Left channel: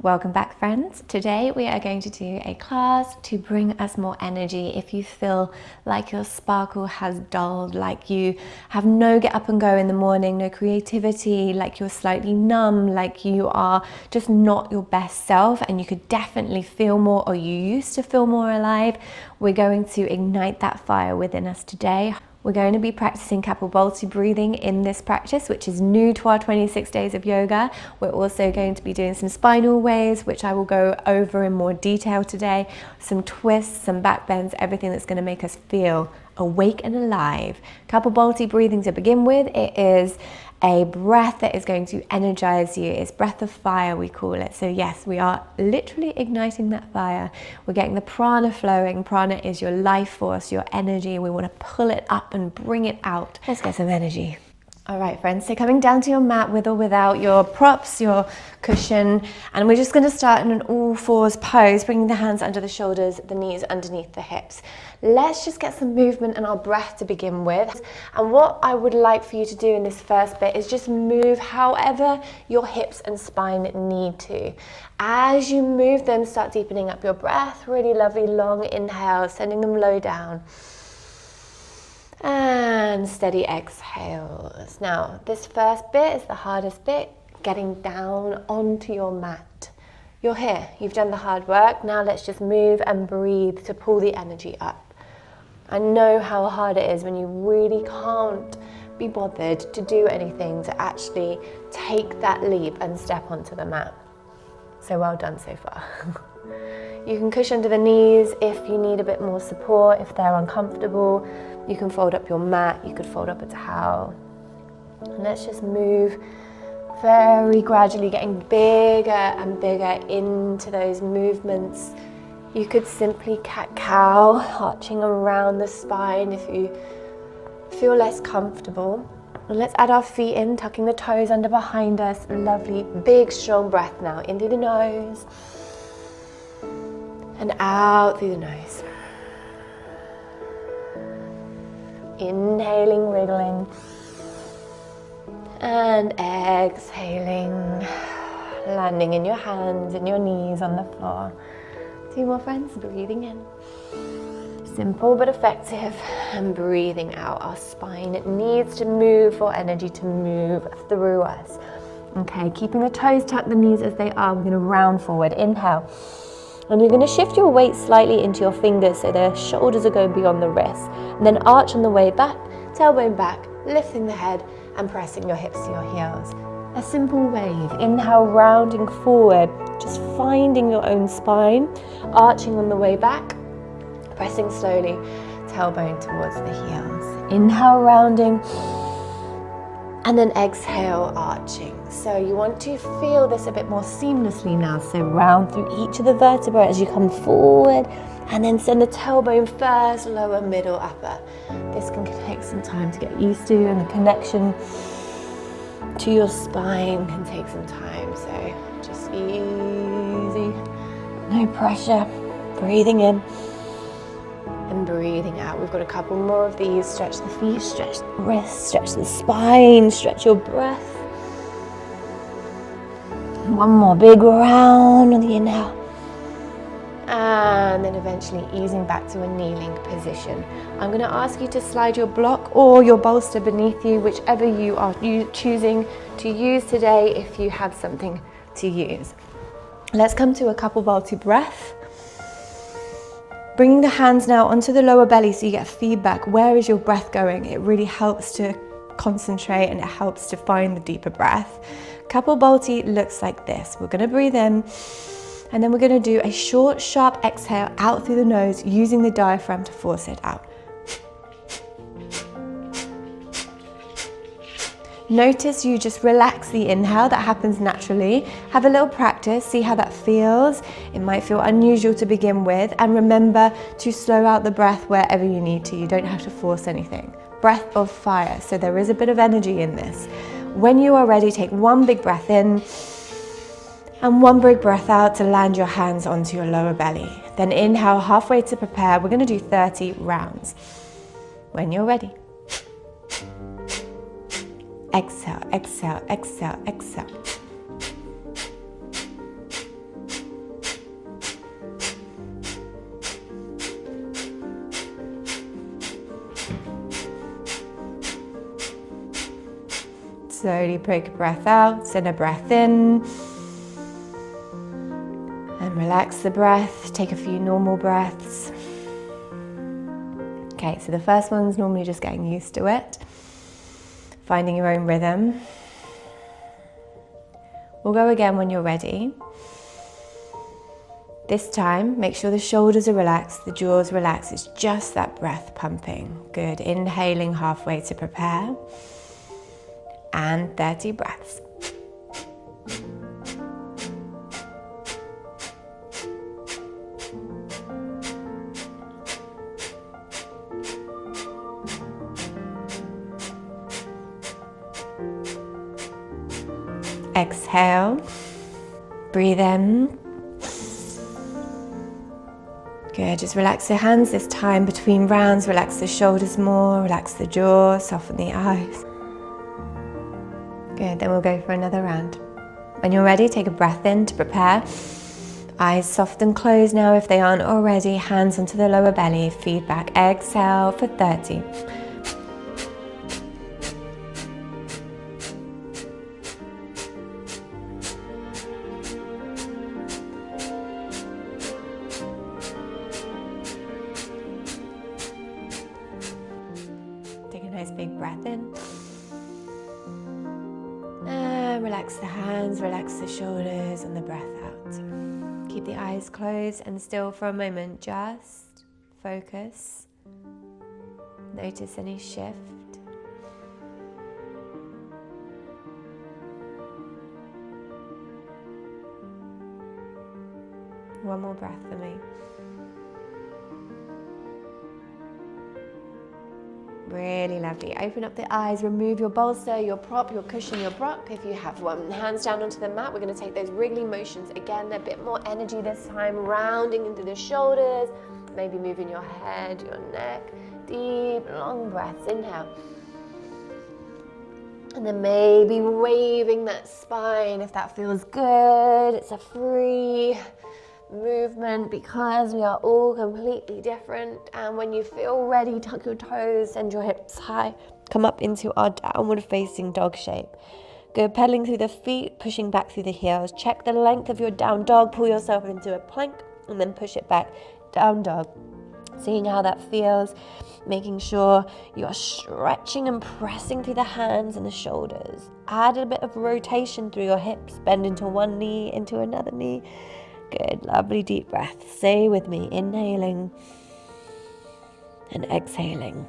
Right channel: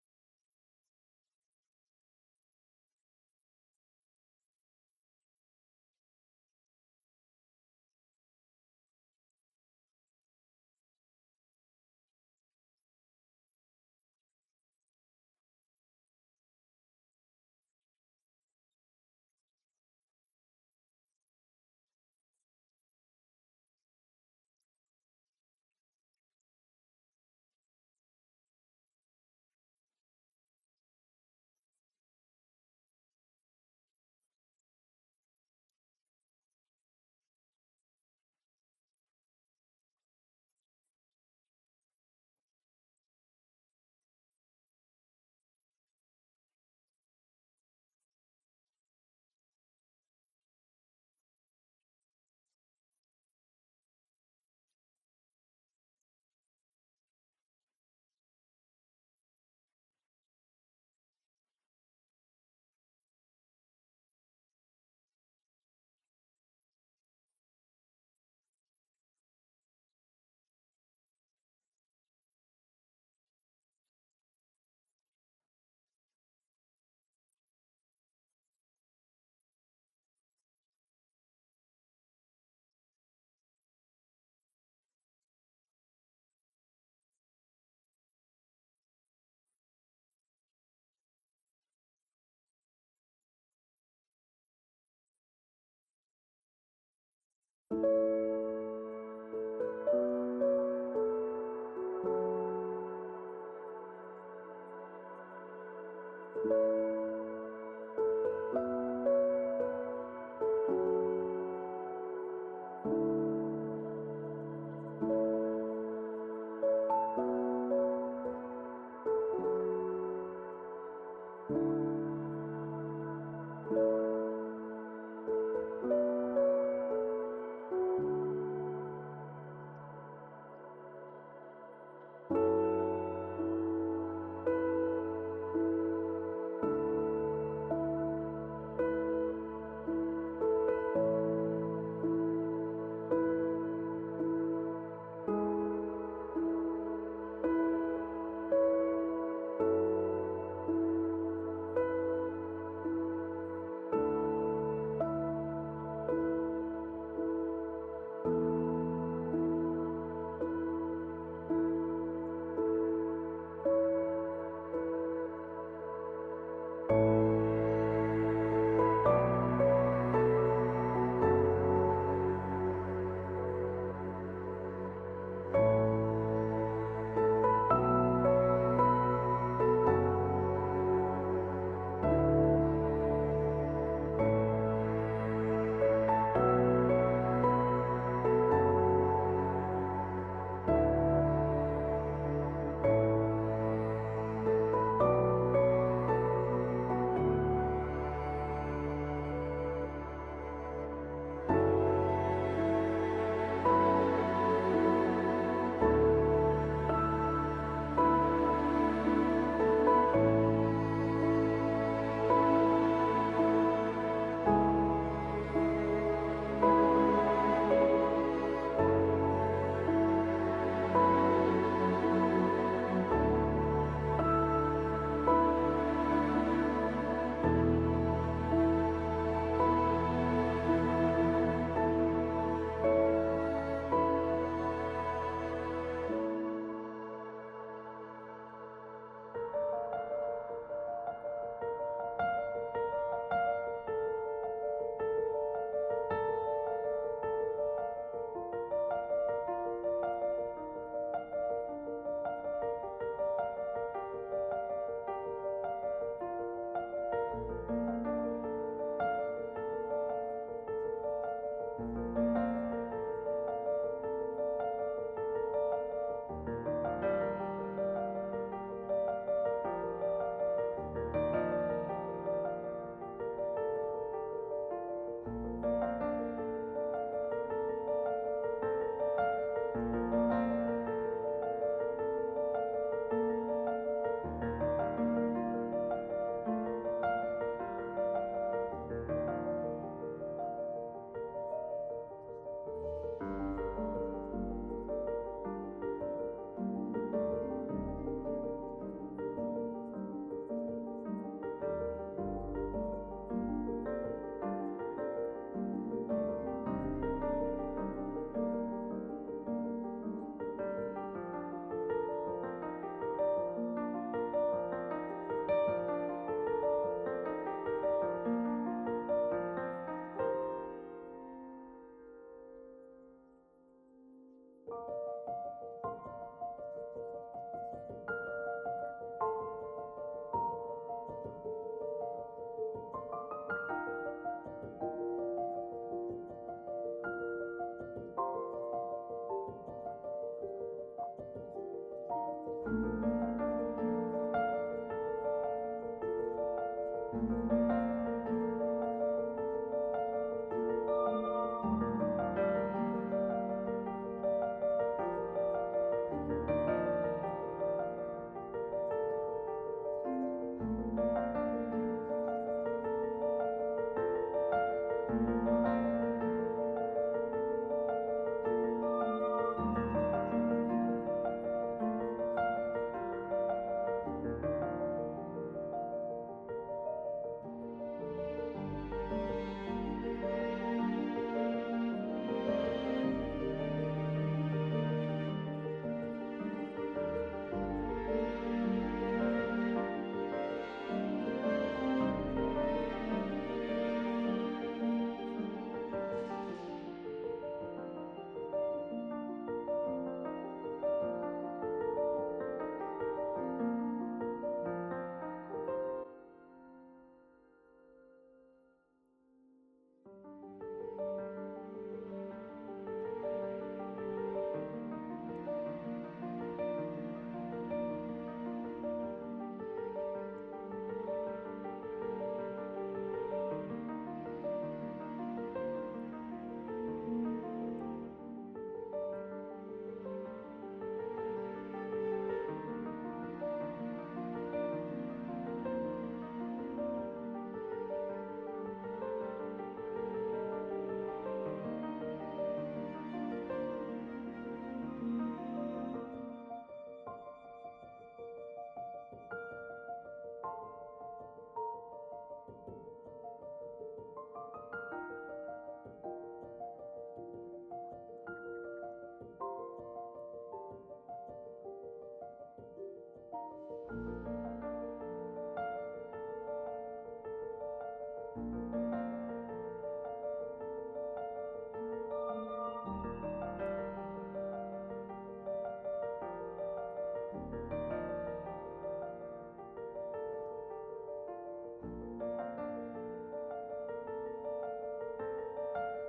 Welcome back, friends. Today we are going to do a class to bring us more energy. If you feel like your sparkle has dulled, like you have no get up and go in the morning, no creativity, like you're slightly numb, like you are just not your best self and you could definitely feel more, or you used to feel more alive, we're going to ignite that fire within us today. We're going to be practicing Kapalbhati breathing in this practice, which is new to our 26 days of yoga. We're also going to be doing some spinal waves, which I will go over in more detail today, some twists, some backbends, everything that's going to make us feel awake and alive. Kapalbhati breathing to begin with, it is a breath that is going to energize you. It's breath of fire, we call it. So yes, we are literally igniting that fire. We're getting the prana flowing. Prana is your life force, your energy. We want to pull it up and bring it out. Let's get some energy. All right, friends, so coming down to your mat with or without your props, your cushion, and we're just going to start in an all fours pose, bringing the hands under the shoulders, the knees underneath the hips. Let's just get some movement and our breath to begin with. And what I would like for you to do in this first bit is just move however your hips and spine need to. As you move them, start deepening up your breath. Really lovely long inhale, sending them low down. And steady exhales. Now, this first bit is the hardest bit, getting down onto your mat. You're here, you've done the hard work. Now let's just move and breathe to pull the energy up. I know how hard it is when you really can't be bothered to do anything, to actually take that leap and step onto the mat. So well done so far. You can cushion under the knees if you need a bit more support, if they're uncomfortable. You can fold up your mat, you could fold up a towel. And let's just move very gradually, getting bigger and bigger into those movements. You could simply cat-cow, arching around the spine if you feel less comfortable. And let's add our feet in, tucking the toes under behind us. Lovely, big, strong breath now. In through the nose and out through the nose. Inhaling, wriggling, and exhaling, landing in your hands and your knees on the floor. 2 more, friends, breathing in. Simple but effective, and breathing out. Our spine, it needs to move for energy to move through us. Okay, keeping the toes tucked, the knees as they are. We're going to round forward. Inhale. And you're going to shift your weight slightly into your fingers so the shoulders are going beyond the wrists. And then arch on the way back, tailbone back, lifting the head and pressing your hips to your heels. A simple wave. Inhale, rounding forward, just finding your own spine, arching on the way back, pressing slowly, tailbone towards the heels. Inhale, rounding, and then exhale, arching. So you want to feel this a bit more seamlessly now. So round through each of the vertebrae as you come forward, and then send the tailbone first, lower, middle, upper. This can take some time to get used to, and the connection to your spine can take some time. So just easy, no pressure, breathing in and breathing out. We've got a couple more of these. Stretch the feet, stretch the wrists, stretch the spine, stretch your breath. One more big round on the inhale. And then eventually easing back to a kneeling position. I'm going to ask you to slide your block or your bolster beneath you, whichever you are choosing to use today if you have something to use. Let's come to a Kapalbhati breath. Bringing the hands now onto the lower belly so you get feedback. Where is your breath going? It really helps to concentrate and it helps to find the deeper breath. Kapalbhati looks like this. We're going to breathe in and then we're going to do a short, sharp exhale out through the nose using the diaphragm to force it out. Notice you just relax the inhale, that happens naturally. Have a little practice, see how that feels. It might feel unusual to begin with, and remember to slow out the breath wherever you need to. You don't have to force anything. Breath of fire, so there is a bit of energy in this. When you are ready, take one big breath in and one big breath out to land your hands onto your lower belly. Then inhale halfway to prepare. We're going to do 30 rounds. When you're ready. Exhale, exhale, exhale, exhale. Slowly take a breath out, send a breath in. And relax the breath, take a few normal breaths. Okay, so the first one's normally just getting used to it, finding your own rhythm. We'll go again when you're ready. This time, make sure the shoulders are relaxed, the jaws relaxed. It's just that breath pumping. Good. Inhaling halfway to prepare. And 30 breaths. Exhale. Breathe in. Good, just relax your hands this time between rounds, relax the shoulders more, relax the jaw, soften the eyes. Good, then we'll go for another round. When you're ready, take a breath in to prepare. Eyes soft and closed now if they aren't already, hands onto the lower belly, feedback. Exhale for 30. Breath in. Relax the hands, relax the shoulders, and the breath out. Keep the eyes closed and still for a moment. Just focus. Notice any shift. One more breath for me. Really lovely. Open up the eyes, remove your bolster, your prop, your cushion, your block if you have one. Hands down onto the mat. We're going to take those wriggling motions again, a bit more energy this time, rounding into the shoulders, maybe moving your head, your neck. Deep, long breaths. Inhale. And then maybe waving that spine if that feels good. It's a free movement because we are all completely different. And when you feel ready, tuck your toes, send your hips high, come up into our downward facing dog shape. Good, pedaling through the feet, pushing back through the heels. Check the length of your down dog, pull yourself into a plank and then push it back, down dog. Seeing how that feels, making sure you're stretching and pressing through the hands and the shoulders. Add a bit of rotation through your hips, bend into one knee, into another knee. Good, lovely deep breath. Stay with me, inhaling and exhaling.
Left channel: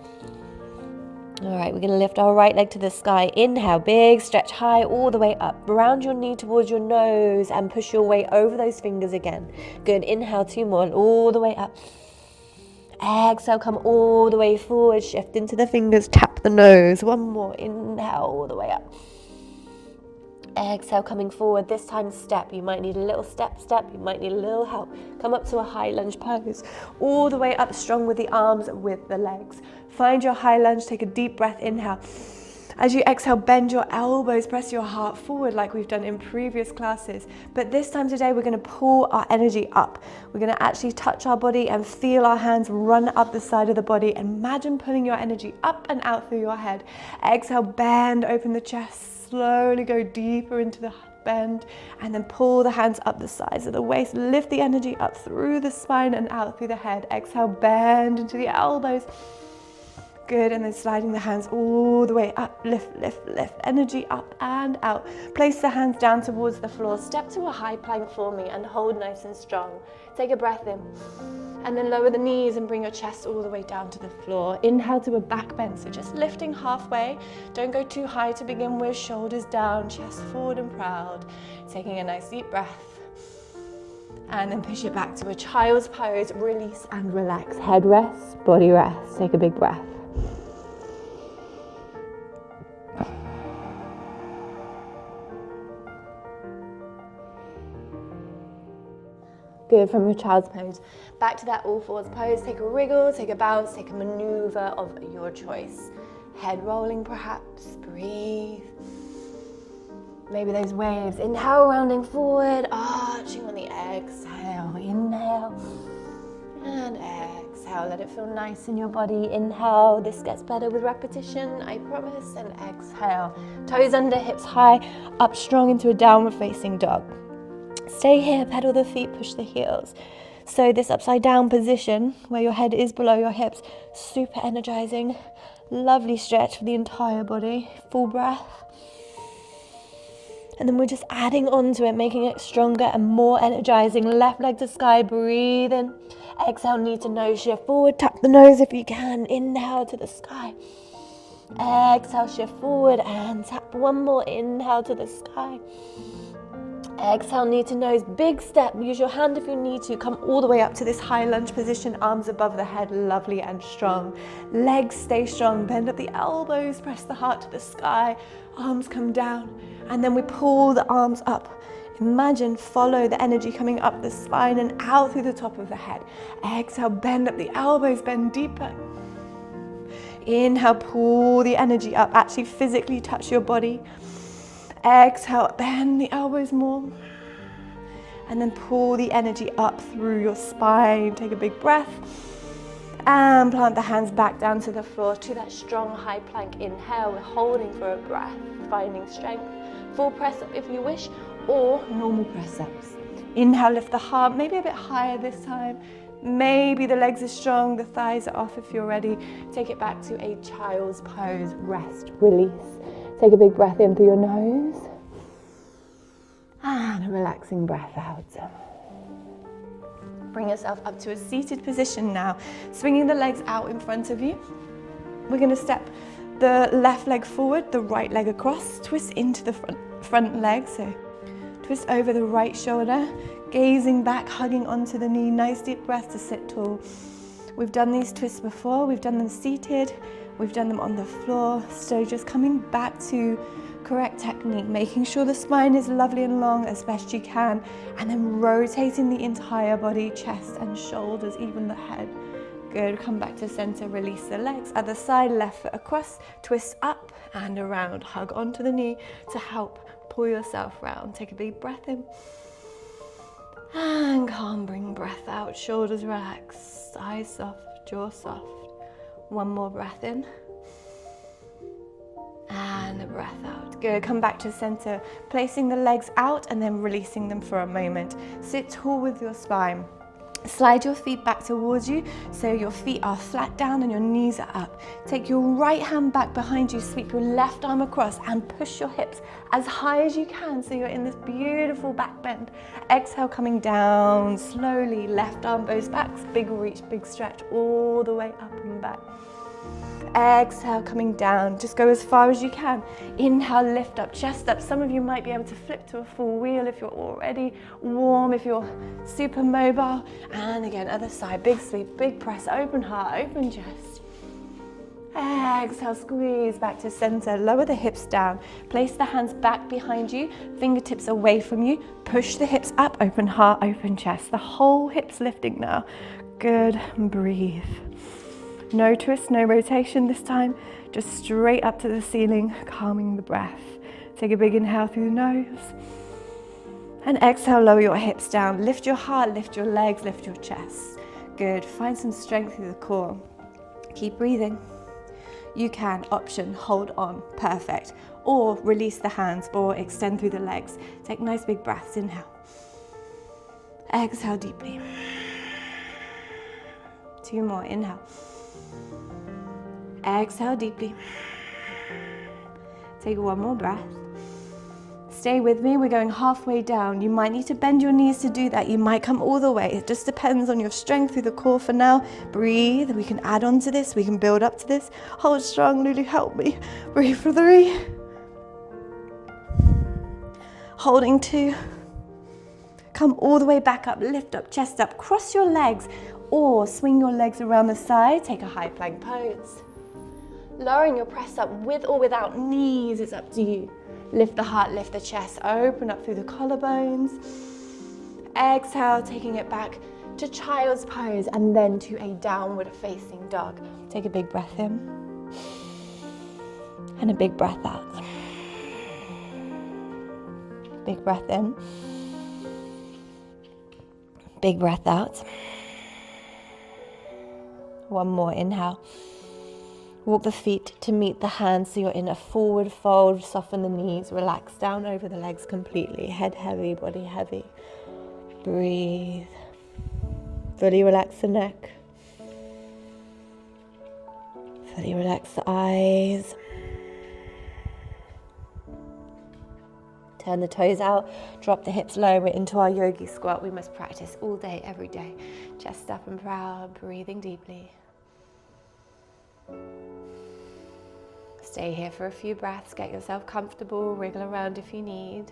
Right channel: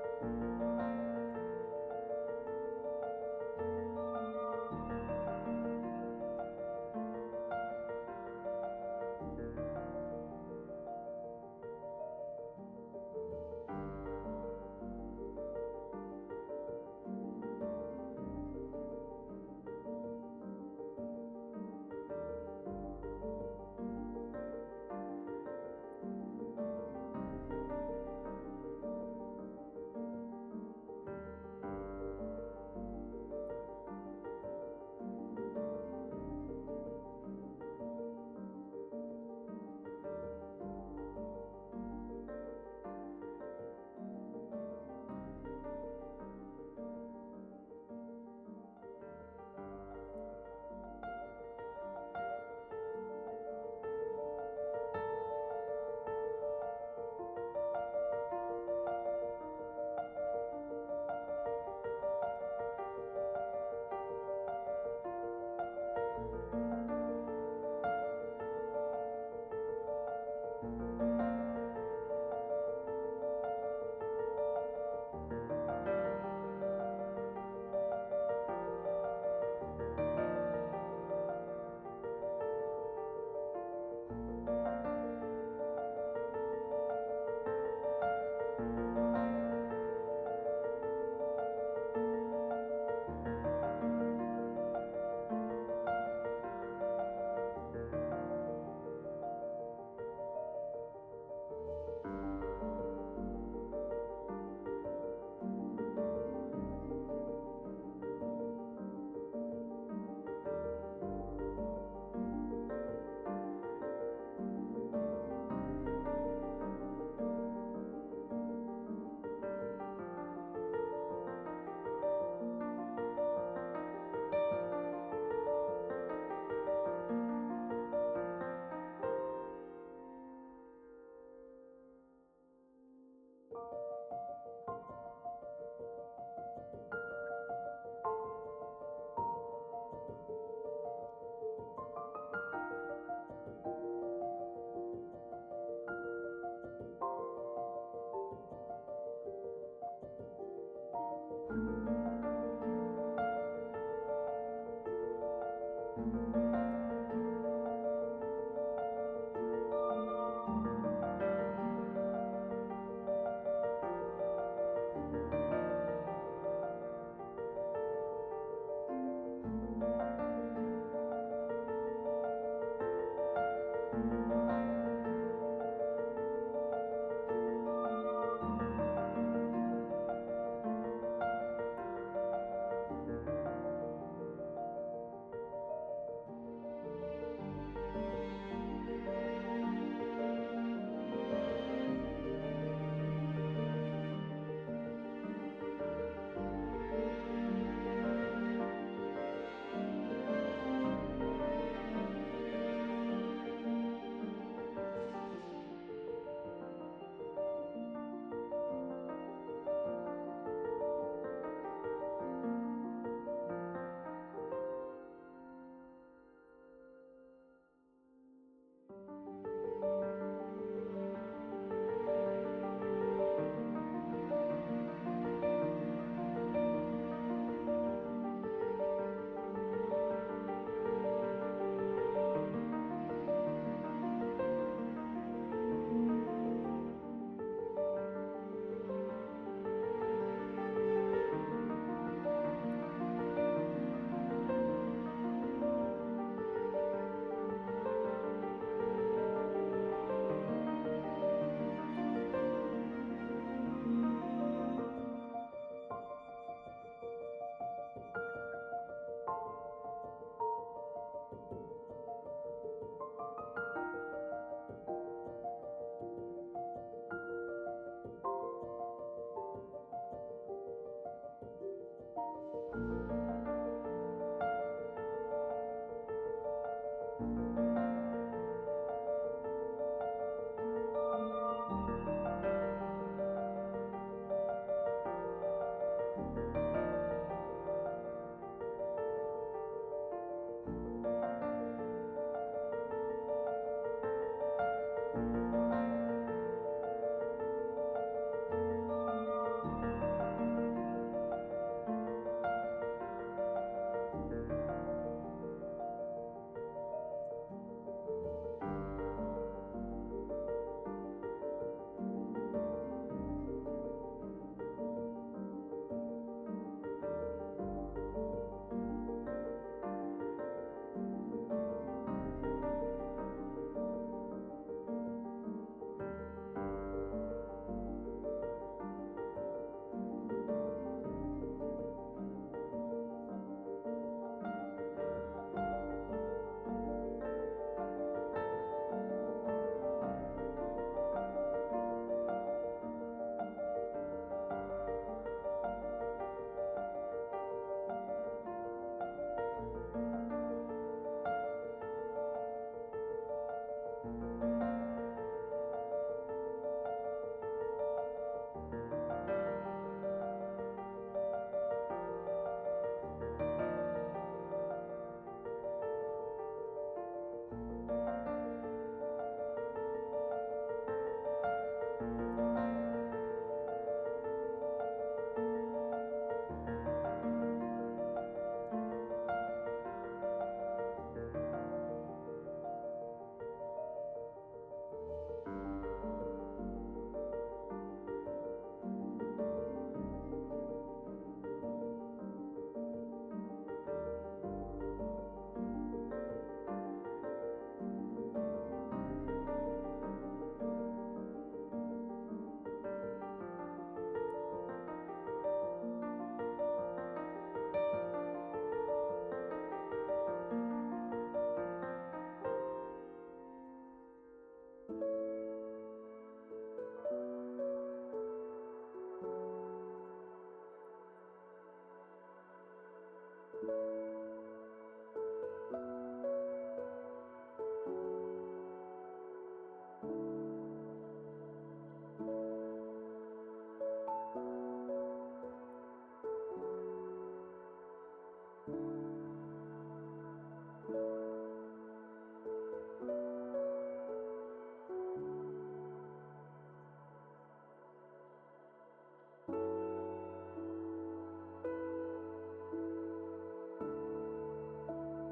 All right, we're going to lift our right leg to the sky. Inhale, big stretch high all the way up. Round your knee towards your nose and push your way over those fingers again. Good, inhale, 2 more, all the way up. Exhale, come all the way forward, shift into the fingers, tap the nose. 1 more, inhale, all the way up. Exhale, coming forward, this time step. You might need a little step, you might need a little help. Come up to a high lunge pose, all the way up, strong with the arms, with the legs. Find your high lunge, take a deep breath, inhale. As you exhale, bend your elbows, press your heart forward like we've done in previous classes. But this time today, we're going to pull our energy up. We're going to actually touch our body and feel our hands run up the side of the body. Imagine pulling your energy up and out through your head. Exhale, bend, open the chest. Slowly go deeper into the bend and then pull the hands up the sides of the waist. Lift the energy up through the spine and out through the head. Exhale, bend into the elbows. Good, and then sliding the hands all the way up. Lift, lift, lift. Energy up and out. Place the hands down towards the floor. Step to a high plank for me and hold nice and strong. Take a breath in. And then lower the knees and bring your chest all the way down to the floor. Inhale to a back bend, so just lifting halfway. Don't go too high to begin with. Shoulders down, chest forward and proud. Taking a nice deep breath. And then push it back to a child's pose. Release and relax. Head rests, body rests. Take a big breath. Good, from your child's pose. Back to that all fours pose. Take a wriggle, take a bounce, take a maneuver of your choice. Head rolling perhaps, breathe. Maybe those waves. Inhale, rounding forward, arching on the exhale. Inhale and exhale. let it feel nice in your body. Inhale, this gets better with repetition, I promise. And exhale, toes under, hips high, up strong into a downward facing dog. Stay here, pedal the feet, push the heels. So this upside down position where your head is below your hips, super energizing. Lovely stretch for the entire body. Full breath. And then we're just adding on to it, making it stronger and more energizing. Left leg to sky, breathe in. Exhale, knee to nose, shift forward. Tap the nose if you can. Inhale to the sky. Exhale, shift forward and tap one more. Inhale to the sky. Exhale, knee to nose, big step. Use your hand if you need to. Come all the way up to this high lunge position, arms above the head, lovely and strong. Legs stay strong, bend up the elbows, press the heart to the sky. Arms come down, and then we pull the arms up. Imagine, follow the energy coming up the spine and out through the top of the head. Exhale, bend up the elbows, bend deeper. Inhale, pull the energy up, actually physically touch your body. Exhale, bend the elbows more. And then pull the energy up through your spine. Take a big breath. And plant the hands back down to the floor to that strong high plank. Inhale, we're holding for a breath, finding strength. Full press up if you wish, or normal press ups. Inhale, lift the heart, maybe a bit higher this time. Maybe the legs are strong, the thighs are off if you're ready. Take it back to a child's pose. Rest, release. Take a big breath in through your nose. And a relaxing breath out. Bring yourself up to a seated position now. Swinging the legs out in front of you. We're going to step the left leg forward, the right leg across. Twist into the front leg. So twist over the right shoulder. Gazing back, hugging onto the knee. Nice deep breath to sit tall. We've done these twists before. We've done them seated. We've done them on the floor. So just coming back to correct technique, making sure the spine is lovely and long as best you can, and then rotating the entire body, chest and shoulders, even the head. Good, come back to center, release the legs. Other side, left foot across, twist up and around. Hug onto the knee to help pull yourself round. Take a big breath in. And calm, bring breath out, shoulders relaxed, eyes soft, jaw soft. One more breath in. And a breath out. Good, come back to center, placing the legs out and then releasing them for a moment. Sit tall with your spine. Slide your feet back towards you so your feet are flat down and your knees are up. Take your right hand back behind you, sweep your left arm across and push your hips as high as you can so you're in this beautiful back bend. Exhale, coming down slowly, left arm bows back, big reach, big stretch all the way up and back. Exhale, coming down, just go as far as you can. Inhale, lift up, chest up. Some of you might be able to flip to a full wheel if you're already warm, if you're super mobile. And again, other side, big sweep, big press, open heart, open chest. Exhale, squeeze back to center, lower the hips down. Place the hands back behind you, fingertips away from you. Push the hips up, open heart, open chest. The whole hips lifting now. Good, breathe. No twist, no rotation this time, just straight up to the ceiling, calming the breath. Take a big inhale through the nose. And exhale, lower your hips down. Lift your heart, lift your legs, lift your chest. Good, find some strength through the core. Keep breathing. You can option, hold on, perfect. Or release the hands or extend through the legs. Take nice big breaths, inhale. Exhale deeply. 2 more, inhale. Exhale deeply. Take 1 more breath. Stay with me, we're going halfway down. You might need to bend your knees to do that. You might come all the way. It just depends on your strength through the core for now. Breathe, we can add on to this, we can build up to this. Hold strong, Lulu, help me. Breathe for 3. Holding 2. Come all the way back up, lift up, chest up, cross your legs, or swing your legs around the side, take a high plank pose. Lowering your press up with or without knees, it's up to you. Lift the heart, lift the chest, open up through the collarbones. Exhale, taking it back to child's pose and then to a downward facing dog. Take a big breath in and a big breath out. Big breath in, big breath out. One more, inhale. Walk the feet to meet the hands so you're in a forward fold. Soften the knees, relax down over the legs completely. Head heavy, body heavy. Breathe. Fully relax the neck. Fully relax the eyes. Turn the toes out, drop the hips low. We're into our yogi squat. We must practice all day, every day. Chest up and proud, breathing deeply. Stay here for a few breaths, get yourself comfortable, wriggle around if you need.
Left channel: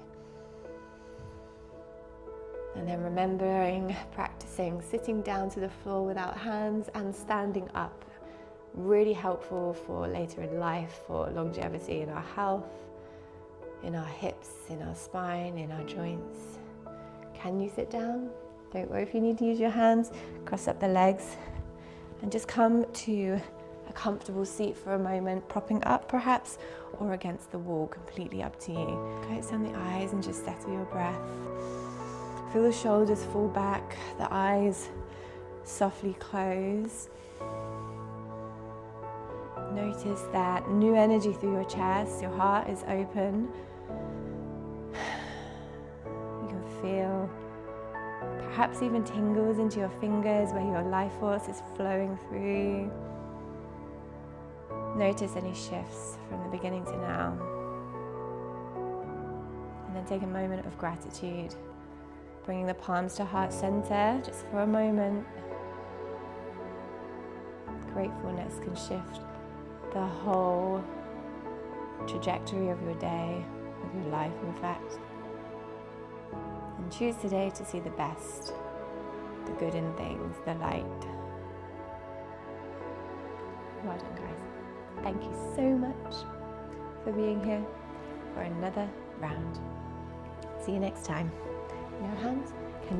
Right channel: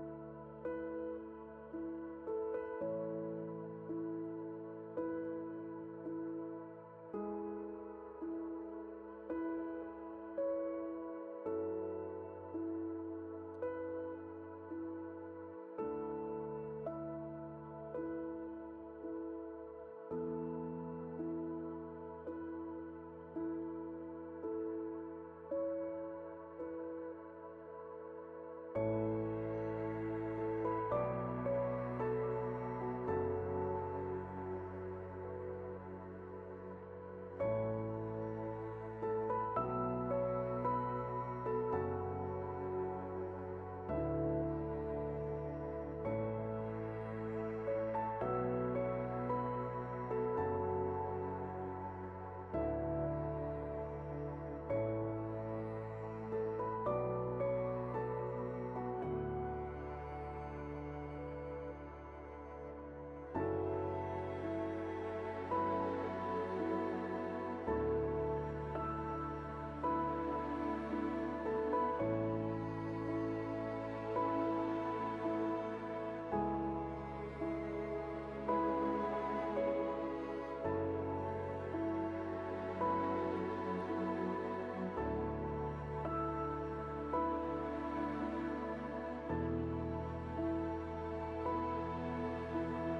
And then remembering, practicing sitting down to the floor without hands and standing up. Really helpful for later in life, for longevity in our health, in our hips, in our spine, in our joints. Can you sit down? Don't worry if you need to use your hands. Cross up the legs and just come to a comfortable seat for a moment, propping up perhaps, or against the wall, completely up to you. Close down the eyes and just settle your breath. Feel the shoulders fall back, the eyes softly close. Notice that new energy through your chest, your heart is open. You can feel perhaps even tingles into your fingers where your life force is flowing through. Notice any shifts from the beginning to now. And then take a moment of gratitude, bringing the palms to heart center just for a moment. Gratefulness can shift the whole trajectory of your day, of your life in fact. And choose today to see the best, the good in things, the light. Well done, guys. Thank you so much for being here for another round. See you next time. Your hands can